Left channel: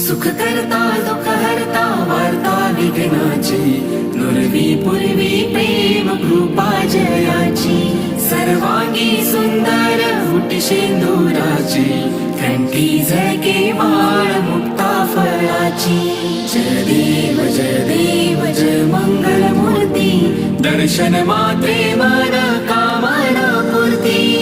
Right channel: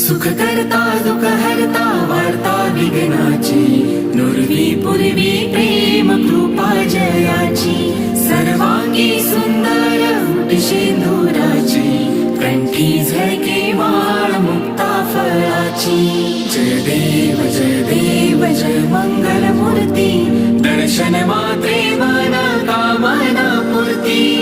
सुख करता दुःख हरता वार्ता विघ्नाची. नुरवी पूर्वी प्रेम कृपा जयाची. सर्वांगी सुंदर मुठी शेंदुराची कंठी झळके माळ मुक्ता फळाची. जय देव जय देव जय मंगल मूर्ती दर्शन मात्रे मन कामना पूर्ती.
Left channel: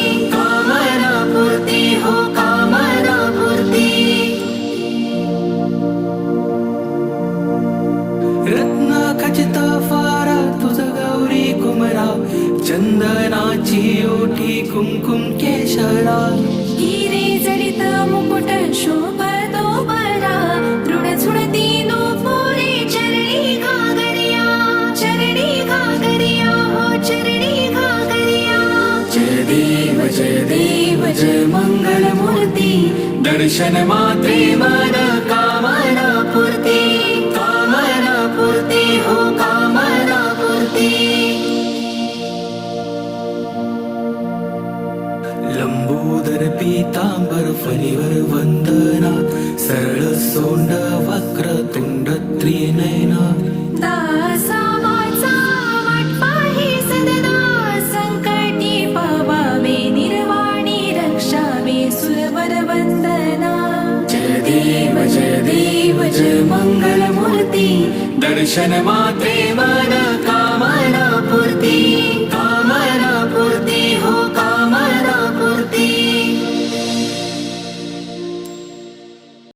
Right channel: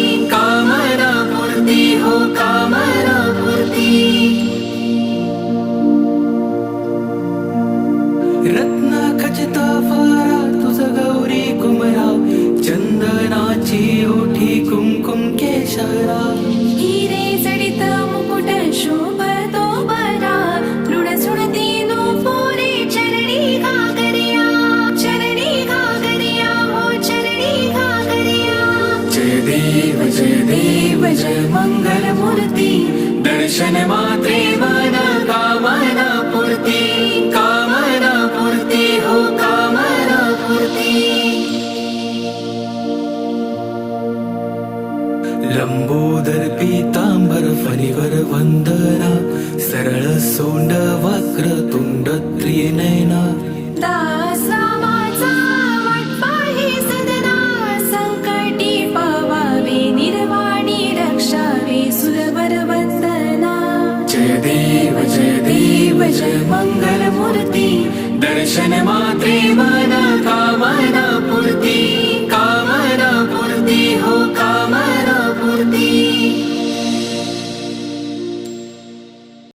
रत्ना खचित फारा तुझ गौरी कुमरा चंदनाची ओठी कुमकुम केशरा. हिरे जडित मुकुट शोभतो बरा मृडसुडती पोरे चरणी घागरिया चरणी घागरिया हो चरणी घागरिया. जय देव जय देव जय मंगल मूर्ती दर्शन मात्रे मन कामना पूर्ती लम्बोदर पीताम्बरफलिवरवन्दना सरलसोण्ड वक्रतुण्डत्रिनयना दासा पावा वे निर्वाणी रक्षा जय देव जय मङ्गलमूर्ति दर्शन मात्रे वा